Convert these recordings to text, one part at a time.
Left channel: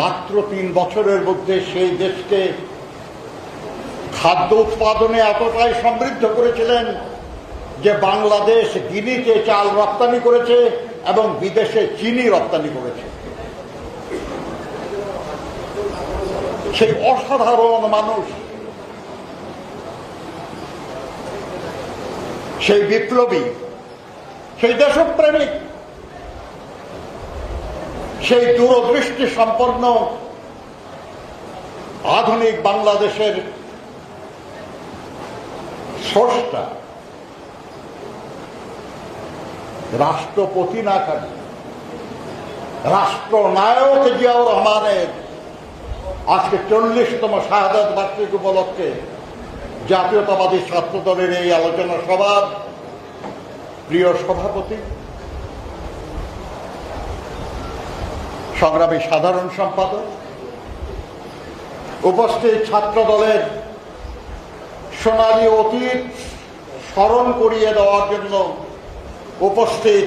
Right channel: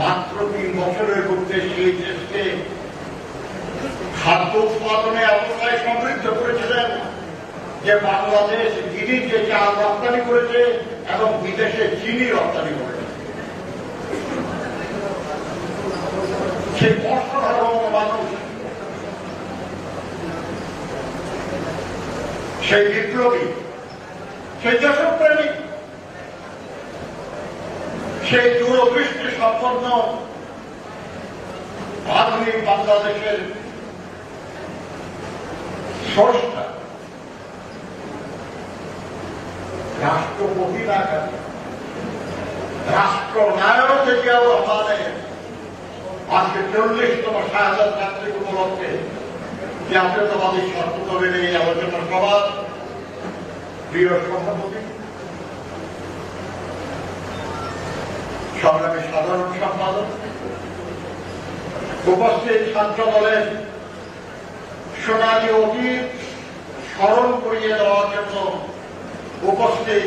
মাত্র 3 বছরের মধ্যে সেই দেশকে খাদ্য উৎপাদনে এতটাই সমৃদ্ধ করেছিলেন যে বাংলাদেশ গিনিতে চাল রপ্তানি করেছে এবং বিদেশে চিনি রপ্তানি করেছে। সেই অসাধারণ মানুষ, সেই বিপ্লবী, সেই দেশপ্রেমিক, সেই দূরদৃষ্টি সম্পন্ন আধুনিক বাংলাদেশের স্রষ্টা রাষ্ট্রপতি না থাকে রাষ্ট্রনায়ক জিয়াউর রহমানের আজকে 40তম শাহাদাত বার্ষিক উপলক্ষে জাতীয়তাবাদী ছাত্র দলের এই আলোচনা সভার প্রিয় সভাপতি, সংগ্রামী সাধারণ সম্পাদক, উপস্থিত ছাত্র দলের সোনালী অতীত স্মরণ করিয়ে দেওয়ার জন্য উপস্থিত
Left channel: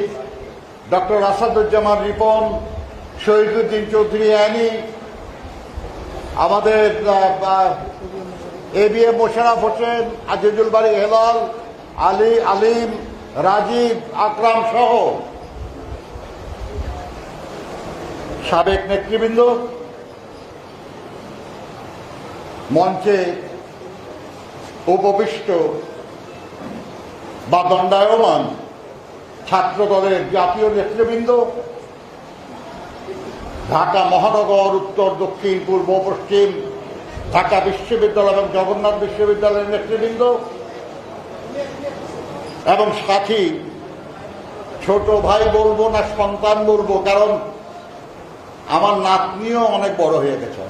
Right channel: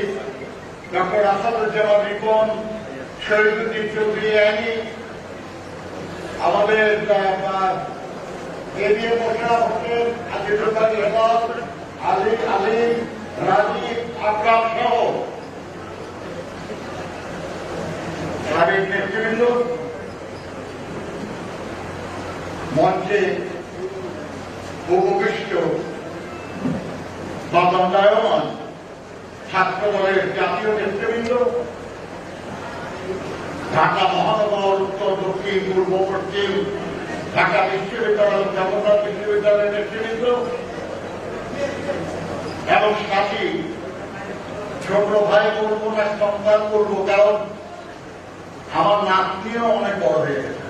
ডক্টর আসাদুজ্জামান রিপন, শহীদুদ্দিন চৌধুরী আইনি, আমাদের ABM মোশাররফ হোসেন, আজিজুল বারী হেলাল, আলী আলিম, রাজীব, আকরাম সহ সাবেক নেতৃবৃন্দ, মঞ্চে উপবিষ্ট বা দণ্ডায়মান ছাত্র দলের জাতীয় নেতৃবৃন্দ, ঢাকা মহানগর, উত্তর, দক্ষিণ, পূর্ব, পশ্চিম, ঢাকা বিশ্ববিদ্যালয় এবং জগন্নাথ বিশ্ববিদ্যালয়ের নেতৃবৃন্দ এবং সাথী, ছোট ভাই বলবো না সন্তান বলবো, কারণ আমার নাতনিও অনেক বড় হয়ে গেছে,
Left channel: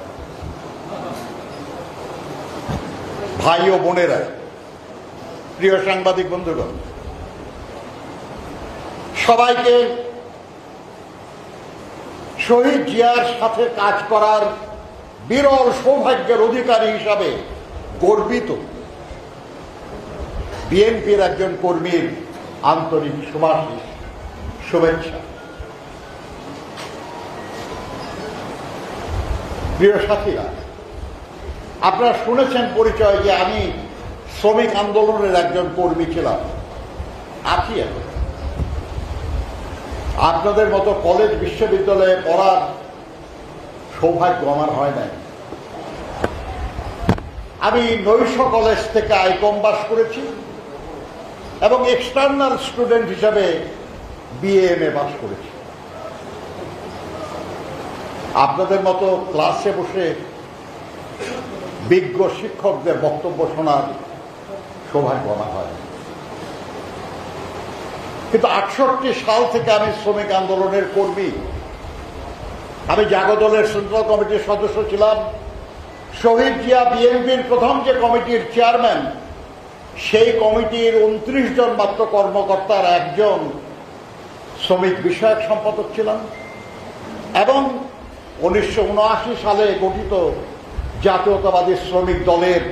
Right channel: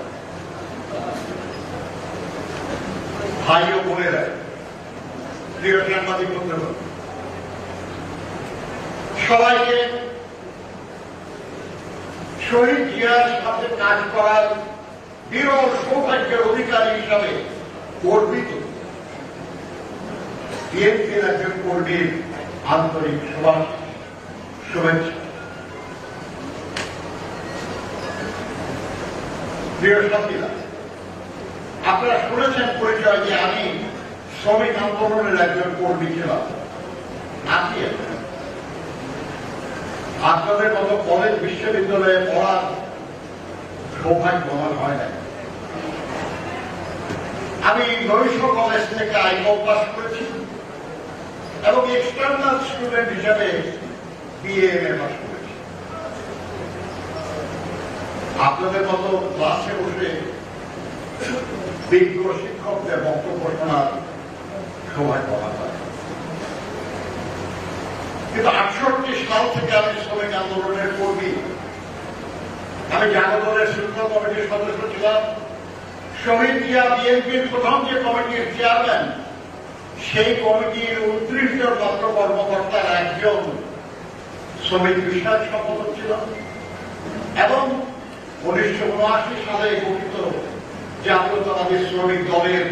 ভাই ও বোনেরা, প্রিয় সাংবাদিক বন্ধুগণ, সবাইকে শহীদ জিয়ার সাথে কাজ করার বিরল সৌভাগ্যের অধিকারী হিসাবে গর্বিত বিএনপির একজন কর্মীর আন্তরিক শুভেচ্ছা। প্রিয় সাথীরা, আপনারা শুনেছেন পরিচয় যে আমি শ্রমিক আন্দোলনের একজন কর্মী ছিলাম, আছি। আপনাদের মতো কলেজ বিশ্ববিদ্যালয়ে পড়ার সৌভাগ্য আমার হয় না। আমি নৈশ কলেজ থেকে আইকম পাস করেছি এবং এক্সটার্নাল স্টুডেন্ট হিসাবে BA/MA পাস করেছি। আপনাদের মতো ক্লাসে বসে বিজ্ঞ শিক্ষকদের বক্তব্য শোনার সৌভাগ্য করা হয়, কিন্তু 68 সাল থেকে আমি শ্রমিক আন্দোলনের কর্মী। আমি জাগদলের সেন্ট্রাল কমিটির সদস্য ছিলাম। শহীদ জিয়া বিএনপির প্রথম যে কমিটির চেয়ারম্যান, সেই কমিটির 29 জন মাত্র কর্মকর্তার একজন শ্রমিক বিষয়ক সম্পাদক ছিলাম এবং 1979 সালে গঠিত জাতীয়তাবাদী শ্রমিক দলের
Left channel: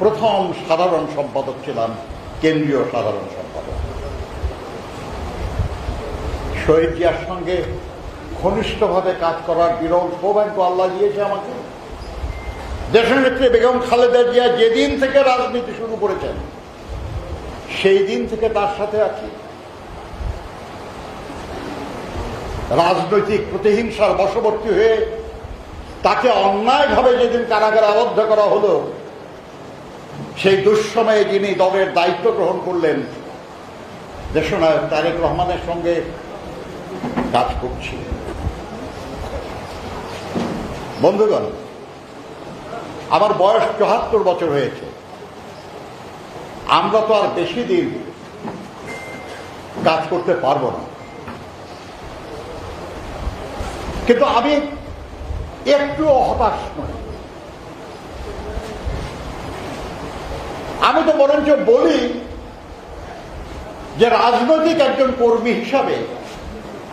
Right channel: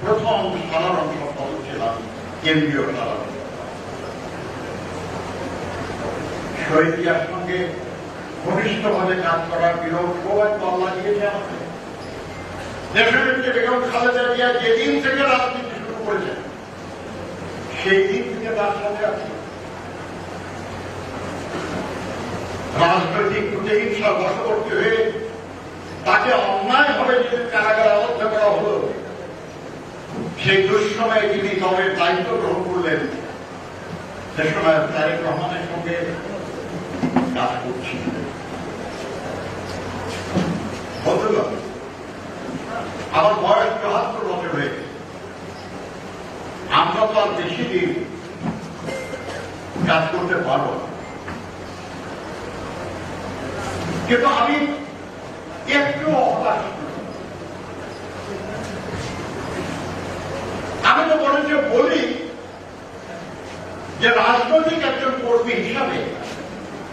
প্রথম সাধারণ সম্পাদক ছিলাম, কেন্দ্রীয় সাধারণ সম্পাদক। শহীদ জিয়ার সঙ্গে ঘনিষ্ঠভাবে কাজ করার বিরল সৌভাগ্য আল্লাহ দিয়েছে আমাকে। দেশনেত্রী বেগম খালেদা জিয়া যেদিন থেকে রাজনীতি শুরু করেছেন সেই দিন থেকে তার সাথে আছি। রাজনৈতিক প্রতিহিংসার বশবর্তী হয়ে তাকে অন্যায়ভাবে যেদিন কারাগারে আবদ্ধ করা হলো, সেই দুঃসময়ে যিনি দলের দায়িত্ব গ্রহণ করলেন, দেশনায়ক তারেক রহমানের সঙ্গে কাজ করছি। বন্ধুগণ, আমার বয়স 74 বছর হয়েছে। আমরা তো আর বেশি দিন কাজ করতে পারবো না, কিন্তু আমি একটু হতাশ নই। আমি তো বরঞ্চ বলি যে রাজনৈতিক একজন কর্মী হিসাবে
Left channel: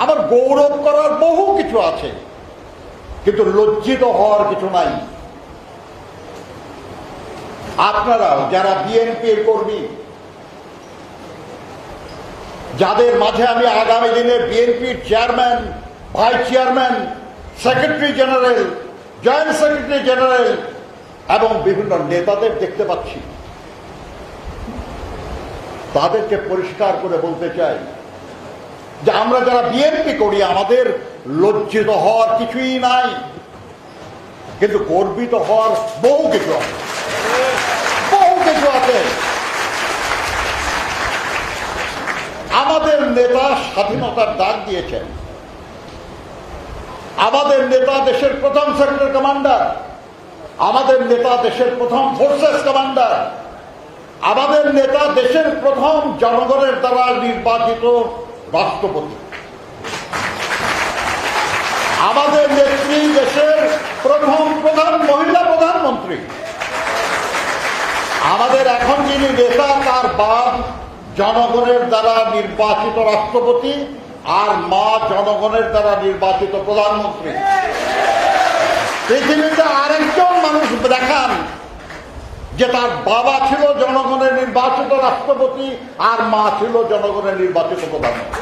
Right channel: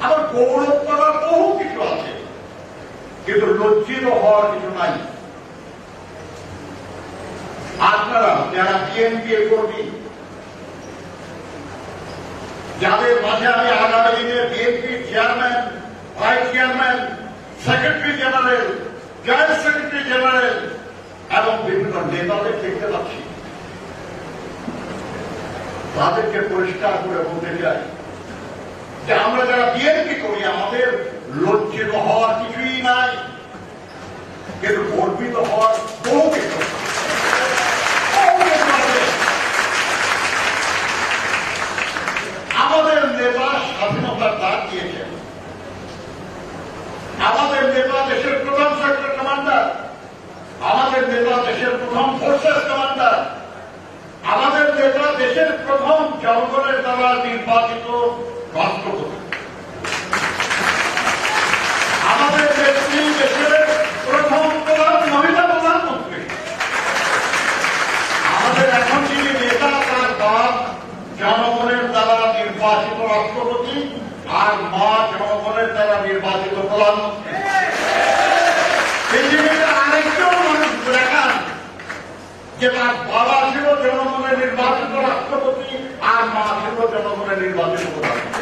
আমার গৌরব করার বহু কিছু আছে, কিন্তু লজ্জিত হওয়ার কিছু নাই। আপনারা যারা বিএনপির কর্মী, যাদের মাঝে আমি আগামী দিনের বিএনপির chairman, vice chairman secretary general, joint secretary general এবং বিভিন্ন নেতাদের দেখতে পাচ্ছি। তাদেরকে পরিষ্কার করে বলতে চাই যে আমরা যারা বিএনপি করি আমাদের লজ্জিত হওয়ার কিছুই নাই, কিন্তু গর্বিত হওয়ার বহু কিছু আছে। আমাদের নেতা স্বাধীনতার ডাক দিয়েছেন, আমাদের নেতা দেশের প্রথম সেক্টর কমান্ডার, আমাদের নেতা দেশের প্রথম ফোর্সেস কমান্ডার, আমাদের নেতা দেশের প্রথম জনগণের দ্বারা নির্বাচিত রাষ্ট্রপতি, আমাদের নেত্রী দেশের প্রথম মহিলা প্রধানমন্ত্রী, আমাদের এখন যিনি নেতা তার বাপ জনগণের দ্বারা নির্বাচিত রাষ্ট্রপতি আর মা জনগণের দ্বারা নির্বাচিত প্রধানমন্ত্রী। পৃথিবীতে আরেকজন মানুষ দেখান যে তার বাবা ছিল জনগণের নির্বাচিত রাষ্ট্রপতি আর মা ছিল জনগণের নির্বাচিত প্রধানমন্ত্রী।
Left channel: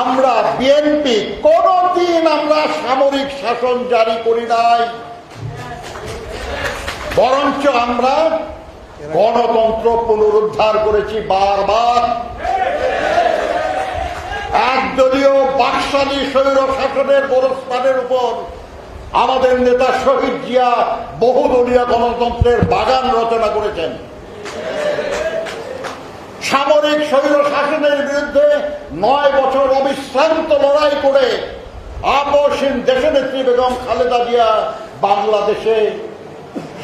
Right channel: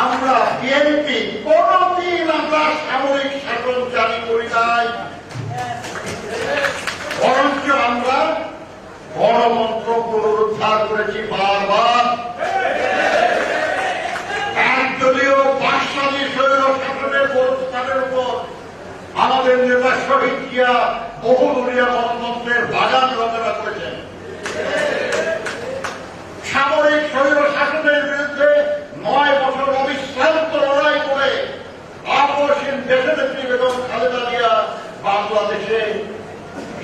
আমরা বিএনপি কোনদিন আমরা সামরিক শাসন জারি করি নাই, বরঞ্চ আমরা গণতন্ত্র পুনরুদ্ধার করেছি বারবার। একদলীয় বাকশালী স্বৈর শাসনের ব্যবস্থানের উপর আমাদের নেতা শহীদ জিয়া বহুদলীয় গণতন্ত্রের বাগান রচনা করেছেন। সামরিক স্বৈর শাসনের বিরুদ্ধে 9 বছর অবিশ্রান্ত লড়াই করে আপসহীন দেশনেত্রী বেগম খালেদা জিয়া বাংলাদেশে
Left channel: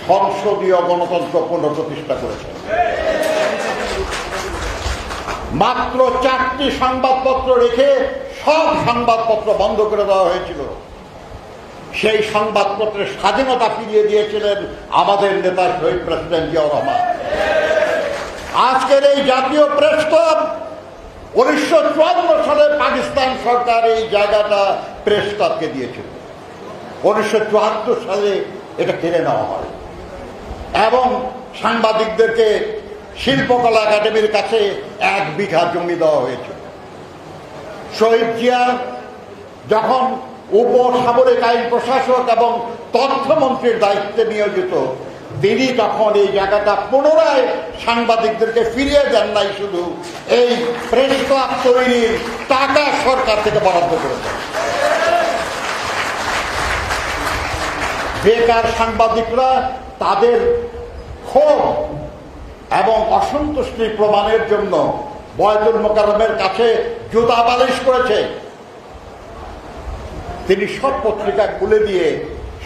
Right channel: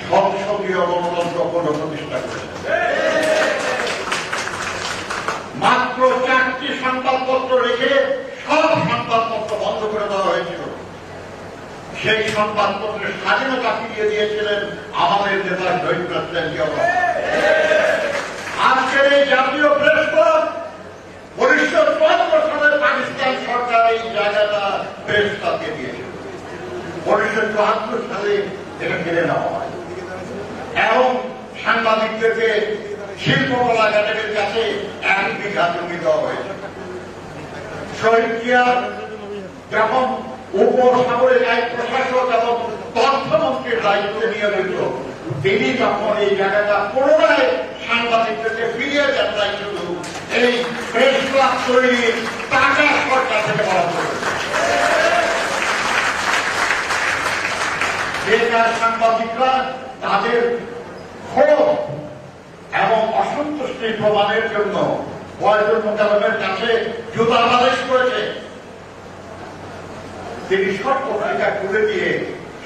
সংসদীয় গণতন্ত্র পুনঃপ্রতিষ্ঠা করেছেন। মাত্র 4টি সংবাদপত্র রেখে সব সংবাদপত্র বন্ধ করে দেওয়া হয়েছিল। সেই সংবাদপত্রের স্বাধীনতা ফিরিয়ে দিয়েছিলেন আমাদের নেতা শহীদ প্রেসিডেন্ট জিয়াউর রহমান। আজকের এই জাতীয় প্রেস ক্লাব 1954 সালে পাকিস্তান সরকার এই জায়গাটা প্রেস ক্লাবকে দিয়েছিল। 1974 সালে এটা কেড়ে নেওয়া হয় এবং সাংবাদিকদেরকে শিল্পকলা একাডেমির কাছে 1 বিঘা জমি দেওয়া হয়েছে। শহীদ জিয়া যখন উপসামরিক আইন প্রশাসক এবং তথ্যমন্ত্রীর দায়িত্বে নিয়োজিত, তিনি যখন এই জায়গাটা পুনরায় সাংবাদিকদেরকে ফিরিয়ে দেন নাই, শুধু এই প্রেস ক্লাব তৈরির টাকা সরকার থেকে বরাদ্দ করেছে। বেকার সাংবাদিকরা তাদের ক্ষোভ এবং অসন্তুষ্টি প্রমাণের জন্য বয়তুল মোকাররমের কাছে জুতা বালিশ করেছে। তিনি সব পত্রিকা খুলে দিয়ে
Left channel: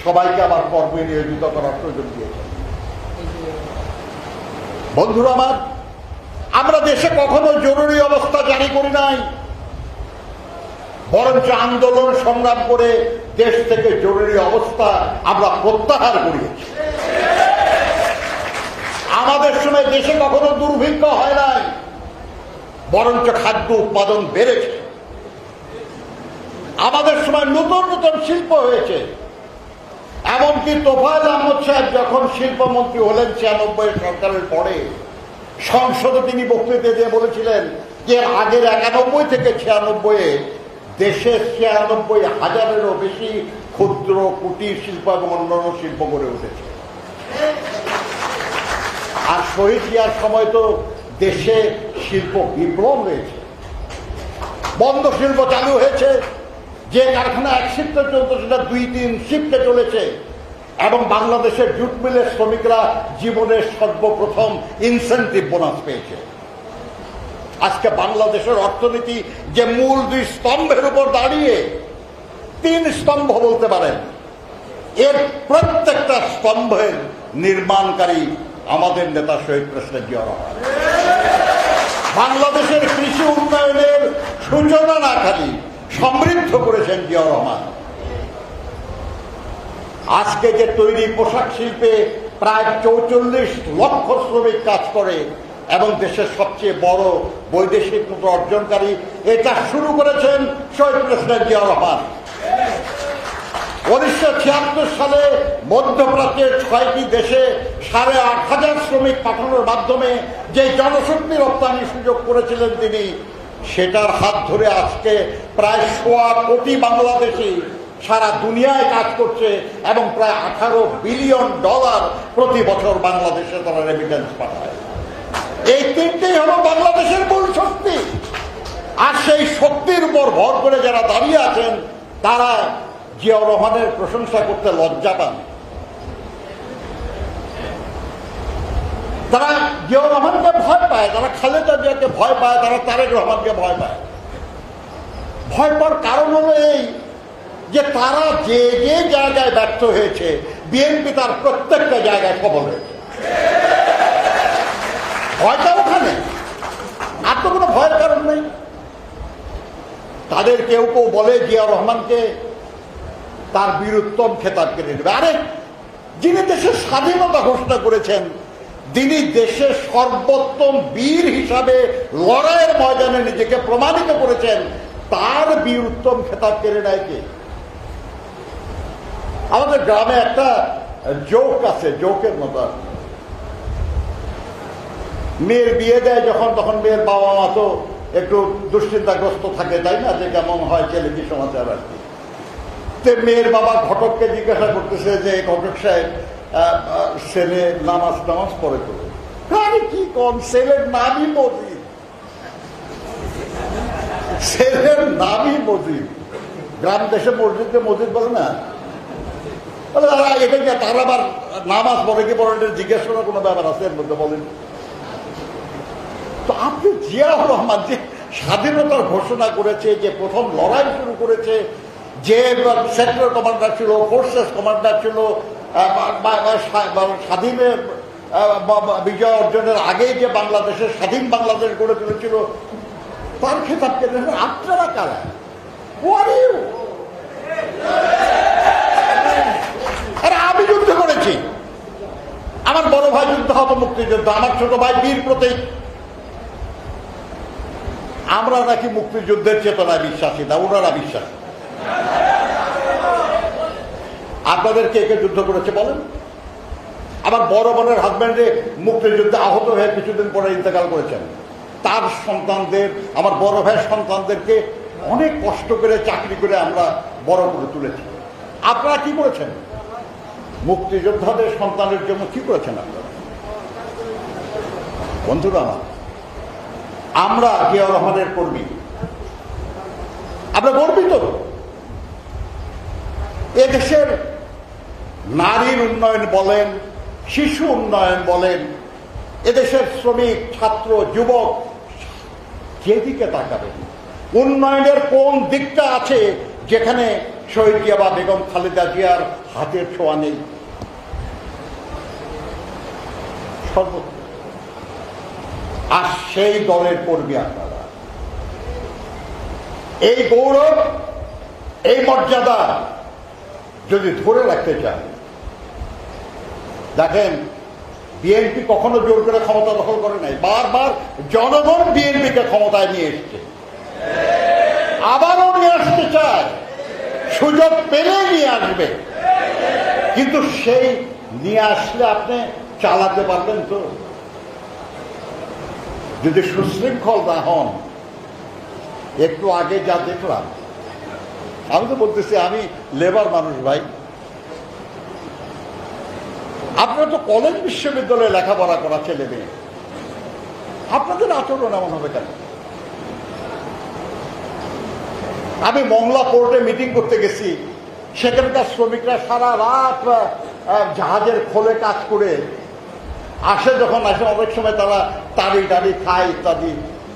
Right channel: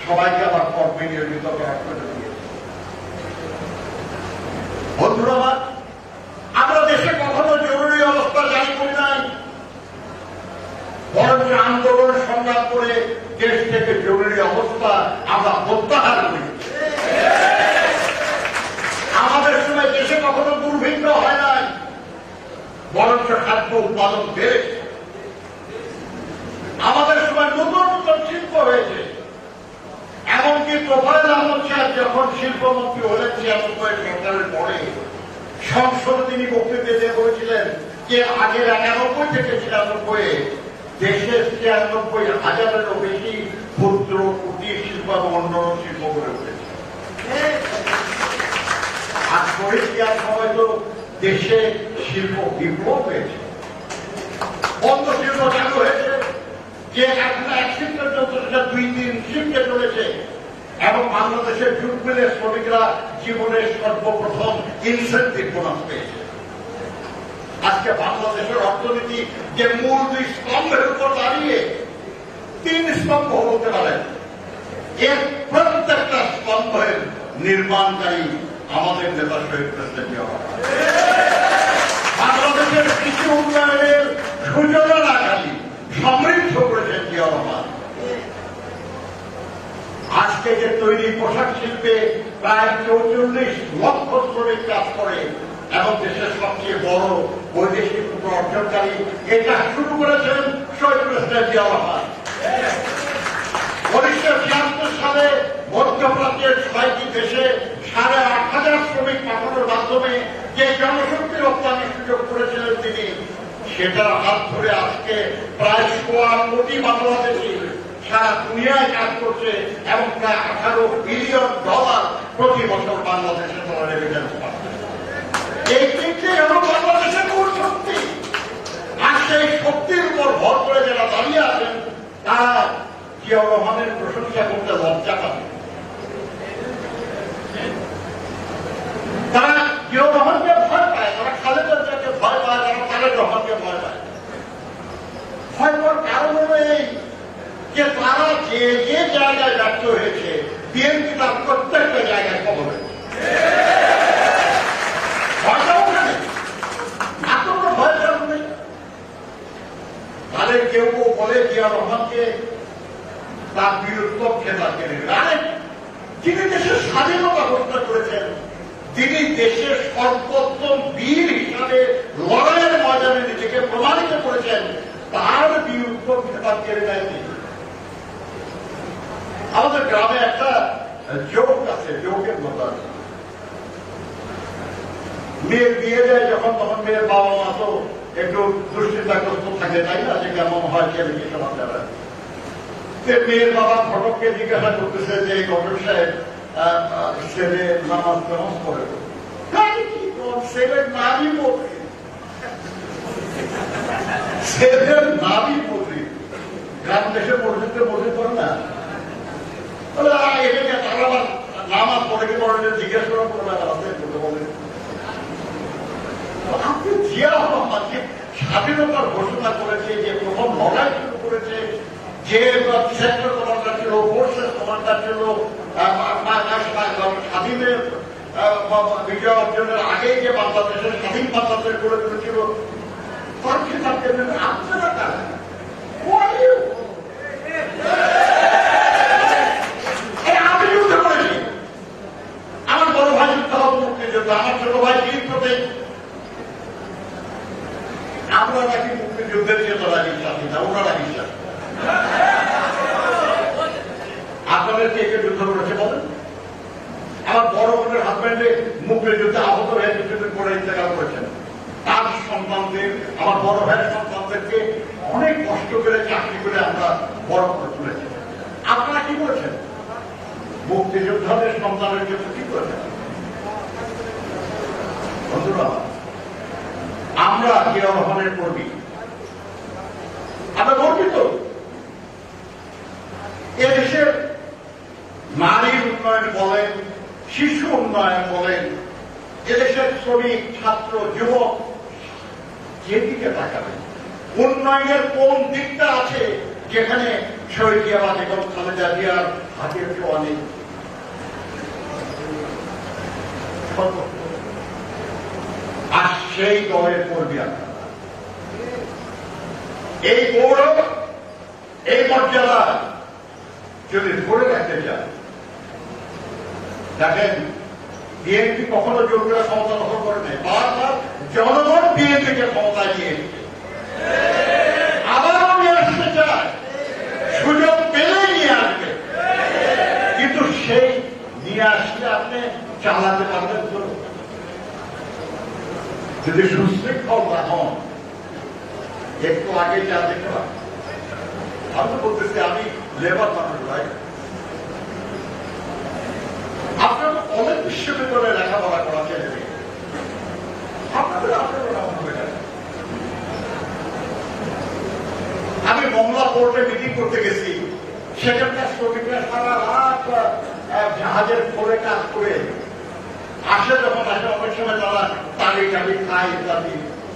সবাইকে আমার কর্মে নিয়োজিত করার প্রয়োজন দিয়েছেন। বন্ধুরা আমার, আমরা দেশে কখনো জরুরি অবস্থা জারি করি নাই, বরঞ্চ আন্দোলন সংগ্রাম করে দেশ থেকে জরুরি অবস্থা আমরা প্রত্যাহার করি। আমাদের সময় দেশে কখনো দুর্ভিক্ষ হয় নাই, বরঞ্চ খাদ্য উৎপাদন বেড়েছে। আমাদের সময় নতুন নতুন শিল্প হয়েছে। এমনকি তোফায়েল আহমদ সাহেব যখন শিল্পমন্ত্রী হলেন 96 সরকারের পরে, সংসদে তিনি বক্তৃতা দিয়ে বলেছিলেন যে আগের 91 থেকে 96 দেশের 96,000-এরও বেশি ক্ষুদ্র কুটির শিল্প এবং অন্যান্য শিল্প গড়ে উঠেছে। আর শহীদ জিয়ার সময় তো দেশে শিল্প বিপ্লব হয়েছে, বন্ধ শিল্প চালু হয়েছে। যে কারখানা 1 শিফটে চলত সেটা 2-3 শিফটে চলেছে এবং বাংলাদেশের জুট মিলের শ্রমিকরা জীবনের সর্বপ্রথম ইনসেন্টিভ বোনাস পেয়েছে। আজকে বাংলাদেশের অর্থনীতি যে মূল 2 স্তম্ভের উপর দাঁড়িয়ে 3 স্তম্ভ বলতে পারেন, এর প্রত্যেকটা স্তম্ভের নির্মাণকারী আমাদের নেতা শহীদ প্রেসিডেন্ট জিয়াউর রহমান। বাংলাদেশের কৃষি উন্নয়নের সূচনা না খালি সমৃদ্ধ করেছেন জিয়াউর রহমান। আজকে যে তৈরি পোশাক শিল্পে প্রায় 44 লক্ষ শ্রমিক কাজ করে এবং দেশের সবচেয়ে বড় বৈদেশিক অর্জনকারী, এটা শুরু করেছেন শহীদ প্রেসিডেন্ট জিয়াউর রহমান। 1976 সালে মধ্যপ্রাচ্যের 6টি দেশে 8,500 শ্রমিক পাঠানোর মাধ্যমে যে জনশক্তি রপ্তানির সুযোগ করেছিলেন তিনি, সেটার হাত ধরে আজকে প্রায় ১.৫ কোটি বাংলাদেশি সারা দুনিয়ায় কাজ করছে এবং প্রায় $18 বিলিয়ন প্রতি বছর বাংলাদেশে তারা রেমিটেন্স পাঠায়। এই তিনটেই হলো বাংলাদেশের মূল শক্তি। আর সেই শক্তির উপর ভর করে যারা দাঁড়িয়ে আছেন তারা জিয়াউর রহমানের প্রশংসা করতে লজ্জা পান। তারা জিয়াউর রহমানকে ভয় পায়, তারা খালেদা জিয়াকে ভয় পায়, তারা তারেক রহমানকে ভয় পায়। ভয় পাওয়ার কারণ হলো এই যে তারা যে যে জায়গায় ব্যর্থ হয়েছে বিএনপি তার প্রত্যেকটা জায়গায় সফল হয়েছে। ভয়টা ওখানে, আর তো কোনো ভয়ের কারণ নেই। তাদের কেউ কেউ বলে জিয়াউর রহমানকে তার বীরোত্তম খেতাব কেটে দেবে। আরে যিনি দেশের স্বাধীনতা ঘোষণা করেছেন, তিনি দেশের সর্বোত্তম বীর হিসাবে লড়াইয়ের ময়দানে নিজেকে প্রমাণিত করেছেন, তার বীরোত্তম খেতাব কেড়ে নেয় কে? আমাদের গ্রামে একটা জোক আছে, জোকের মতো। মেয়ের বিয়ে দেয় যখন, তখন মেয়ের বাবা মা তো একটু দুশ্চিন্তাগ্রস্ত থাকে, তাই না? যে কেমন হয় ছেলে কি সমাচার আছে। মেয়ের বাবা ঘটককে জিজ্ঞাসা করতেছে যে ঘটক সাহেব ছেলে নামাজ টামাজ পড়ে, কি কম, ছেলের নামই মতি, ছেলের নামই মতি। গ্রাম দেশে মসজিদে মসজিদ বলে না, এটাকে তার আবার নামাজ পড়ে কি পড়ে জিজ্ঞাসা করার কোনো ব্যাপার আছে এর মধ্যে বলেন? তো আপনি জিয়াউর রহমান যে স্বাধীনতার ঘোষণা করেছে, যে প্রথম লড়াই শুরু করেছে, যে সেক্টর কমান্ডার ছিল, ফোর্সেস কমান্ডার ছিল, স্বাধীনের বিজয় অর্জনের আগে যে বাংলাদেশের স্বাধীন বাংলাদেশ গড়ে তুলেছিল, তার খেতাব কেন আপনারা কারা? আমি যুদ্ধ করেছি, আমার বড় ভাই যুদ্ধ হবে মুক্তিযুদ্ধ, আমার ছোট ভাই বীর প্রতীক। আমরা নাকি মুক্তিযুদ্ধের চেতনা বিশ্বাসী না, ওনারা বিশ্বাস। আপনাদের কে কে যুদ্ধ করেছে বলেন? আমার বড় বোনের হাজব্যান্ডে মুক্তিযুদ্ধে আহত হয়ে কিছুদিন পরে ইন্তেকাল করেছেন। তার সন্তানদের, আমার বড় ভাইয়ের সন্তানদেরকে অনেক কষ্ট করে চাকরি করে আমরা বড় করে তুলেছি। আপনারা কি করেছেন? মুক্তিযোদ্ধাদের সন্তানের জন্য কি করেছেন? বন্ধুরা, আমরা জিয়াউর রহমানের কর্মী, আমরা গর্বিত। এদেশের নারীর উন্নয়ন বলেন, শিশু উন্নয়ন বলেন, এদেশের শ্রমিক, ছাত্র, যুবক, যেদিকে তাকাবেন উন্নয়নের কোন দিকটা আছে যেখানে শহীদ জিয়া বা বেগম খালেদা জিয়ার হাতের ছোঁয়া নেই? আর সেই দলের কর্মী আপনারা। এই গৌরব, এই মর্যাদা যদি ধরে রাখতে চান, দেখেন বিএনপি কখনো জোর করে ক্ষমতা দখল করে নাই। বারবার জনগণ বিএনপিকে ক্ষমতায় নিয়ে এসেছে, আবারও নিয়ে আসতে চায়, সুযোগ পেলেই নিয়ে আসবে। কিন্তু সেই নিয়ে আসলে আপনি চালাতে পারবেন তো? যদি সুশৃঙ্খল না হন, একটু আগে যা দেখলাম, আমি তো বলতেছি আমি লেবার মানুষ ভাই, আপনার তো কলেজ বিশ্ববিদ্যালয়ে লেখাপড়া করা ছেলেদের, আপনাদের আচরণ এমন হবে কেন? আমি মংলা পোর্টে মিটিং করতে গেছি, সেখানকার শ্রমিকরা সারা রাত জাহাজের খোলে কাজ করে আসে, যখন আসে অনেক সময় তারা তাড়ি টাড়ি খায় ইত্যাদি।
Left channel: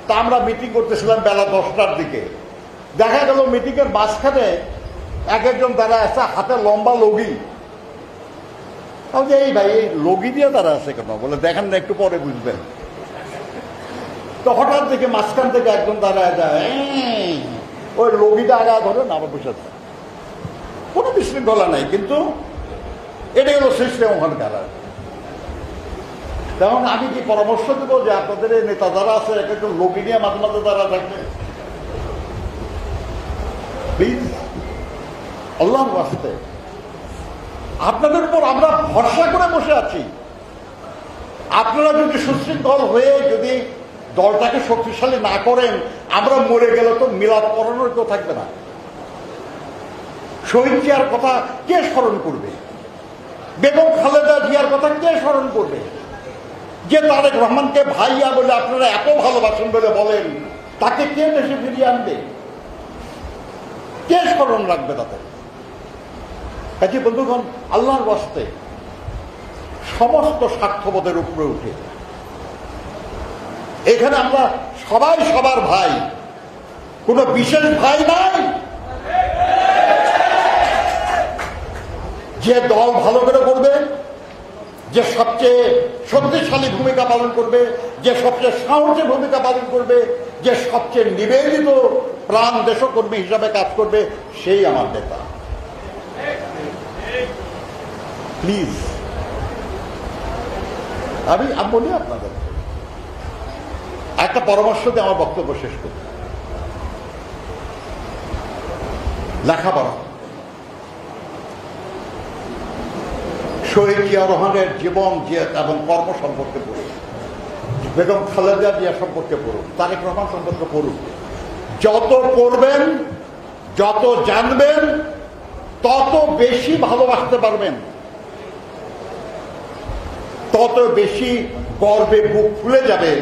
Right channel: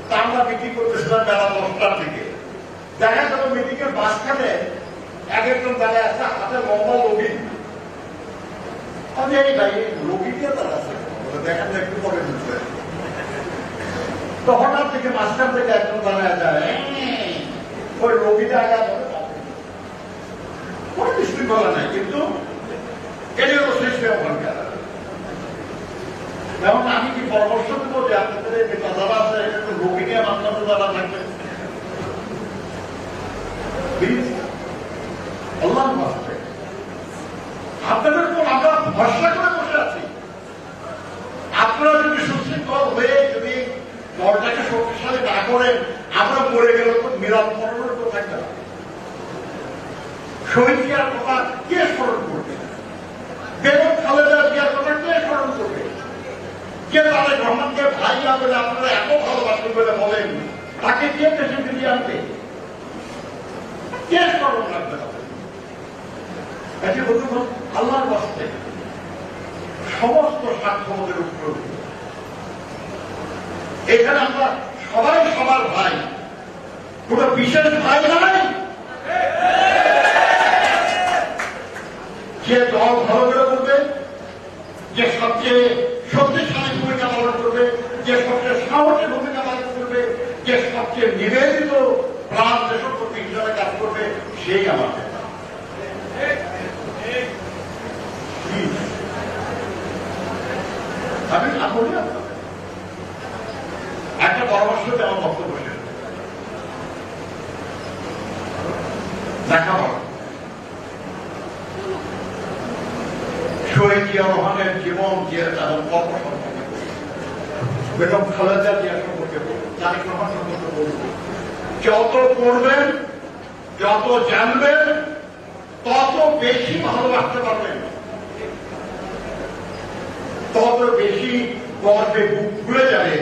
তা আমরা মিটিং করতেছিলাম বেলা 10টার দিকে, দেখা গেল মিটিং এর মাঝখানে এক একজন তারা আছে, হাতে লম্বা লগি। এই ভাই লগি দিয়ে তারা আছে কেন? বলে দেখেন না, একটু পরে বুঝবে। তো হঠাৎ থেকে মাঝখান থেকে একজন দাঁড়ায় যায়, ওই লগিটা আগে ধরে না বসে, কোনো বিশৃঙ্খলা নাই, কিন্তু এটা হলো সিস্টেম ওখানকার। যেমন আমি কি পরামর্শ দেব যে আপনাদের এই নেতা যারা আছে একটু লগি নিয়ে মাঝে তারা থাকবে, প্লিজ, আল্লাহ বাস্তে। আপনাদের উপর আমরা ভরসা করে বসে আছি। আপনারা যদি সুশৃঙ্খল হয়ে যদি দলটাকে শক্তিশালী না করেন, আমরা মরে গেলে তো মিলাদ পড়ানোর কেউ থাকবে না। শহীদ জিয়ার কথা কে স্মরণ করবে? বেগম খালেদা জিয়ার কথা কে স্মরণ করবে? যে তারেক রহমানকে ভাইয়া বলে আপনারা এত ভালোবাসেন বলে বলেন, তাকে কে দেশে ফিরিয়ে আনবে? কে স্মরণ রাখবে তাদের? একই বন্ধুগণ, আল্লাহর বাস্তে সমস্ত স্বার্থবোধের উপরে উঠে এখানে আমরা সবাই সবার ভাই, কোন বিশেষ ভাই নাই। যে দল ভালো করে করবে, যে সবচেয়ে শক্তিশালী ভূমিকা পালন করবে, যে সবচেয়ে সাহসী ভূমিকা পালন করবে, যে সবচেয়ে নিবেদিত প্রাণ দেশকর্মী হিসাবে কাজ করবে, সেই আমার নেতা। প্লিজ, আমি বলি আপনাদের একটা পরামর্শ দিয়ে আমার বক্তব্য শেষ করতে। লেখাপড়া, শহীদ জিয়া রহমানের জীবন এবং কর্ম সম্পর্কে পড়ুন, বেগম খালেদা জিয়া সম্পর্কে পড়ুন, তারেক রহমান সম্পর্কে পড়ুন। যত পড়বেন, যত জানবেন, তত বেশি ভালোবাসতে পারবেন, তত বেশি গর্বে বুক ফুলে যাবে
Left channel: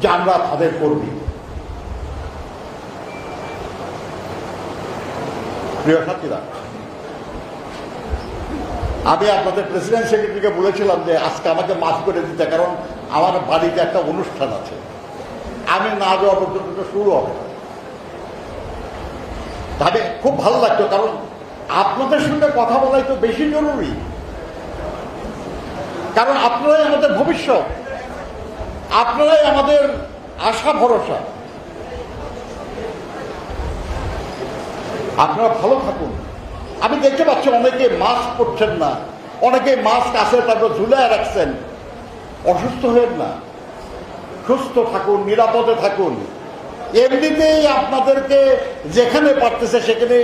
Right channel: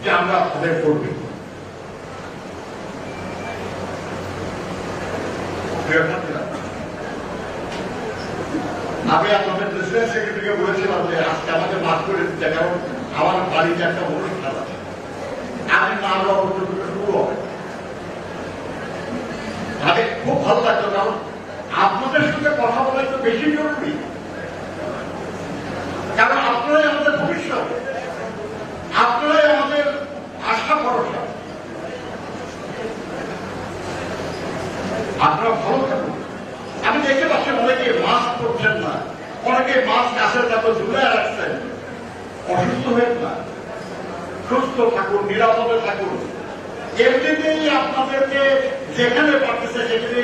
যে আমরা তাদের কর্মী। প্রিয় সাথীরা, আমি আপনাদের প্রেসিডেন্ট সেক্রেটারিকে বলেছিলাম যে আজকে আমাকে মাফ করে দিতে, কারণ আমার বাড়িতে একটা অনুষ্ঠান আছে, আমি না যাওয়া পর্যন্ত শুরু হবে। তাহলে খুব ভালো লাগতো, কারণ আপনাদের সঙ্গে কথা বলা একটু বেশি জরুরি, কারণ আপনারাই আমাদের ভবিষ্যৎ, আপনারাই আমাদের আশা ভরসা। আপনারা ভালো থাকুন। আমি দেখতে পাচ্ছি অনেকে মাস্ক করছেন না, অনেকে মাস্ক আছে তাকে ঝুলে রাখছেন। অসুস্থ হয়ে না, সুস্থ থাকুন, নিরাপদে থাকুন। এমনিতেই আপনাদেরকে যেখানে পারতেছে সেখানে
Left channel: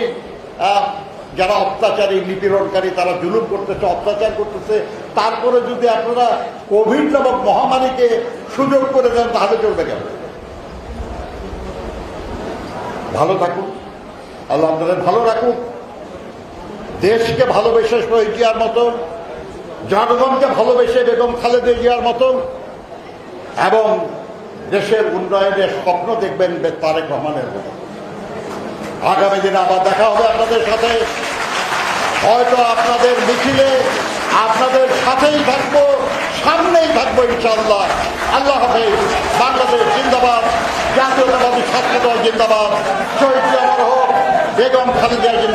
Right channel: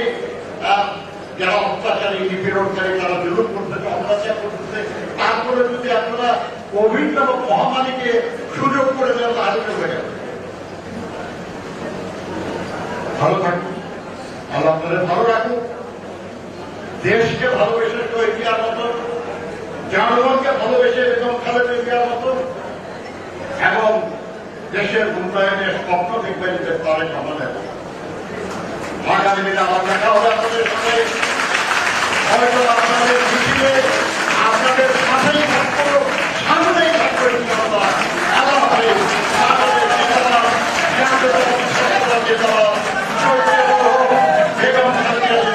যারা অত্যাচারী, নিপীড়নকারী, তারা জুলুম করতেছে, অত্যাচার করতেছে, তারপরে যদি আপনারা কোভিড নামক মহামারীকে সুযোগ করে দেন, তাহলে চলবে কেন? ভালো থাকুন, আল্লাহ আপনাদের ভালো রাখুন। দেশকে ভালোবেসে শহীদ জিয়ার মতন, জনগণকে ভালোবেসে বেগম খালেদা জিয়ার মতন, এবং দেশের উন্নয়নের স্বপ্ন দেখবেন তারেক রহমানের মতন। আগামী দিনে আবার দেখা হবে আপনাদের সাথে, হয়তো আপনাদের মিছিলে আপনাদের সাথেই থাকবো, সামনেই থাকবো ইনশাআল্লাহ। আল্লাহ হাফেজ। বাংলাদেশ জিন্দাবাদ, জাতীয়তাবাদী ছাত্রদল জিন্দাবাদ, শহীদ জিয়া বেগম খালেদা জিয়া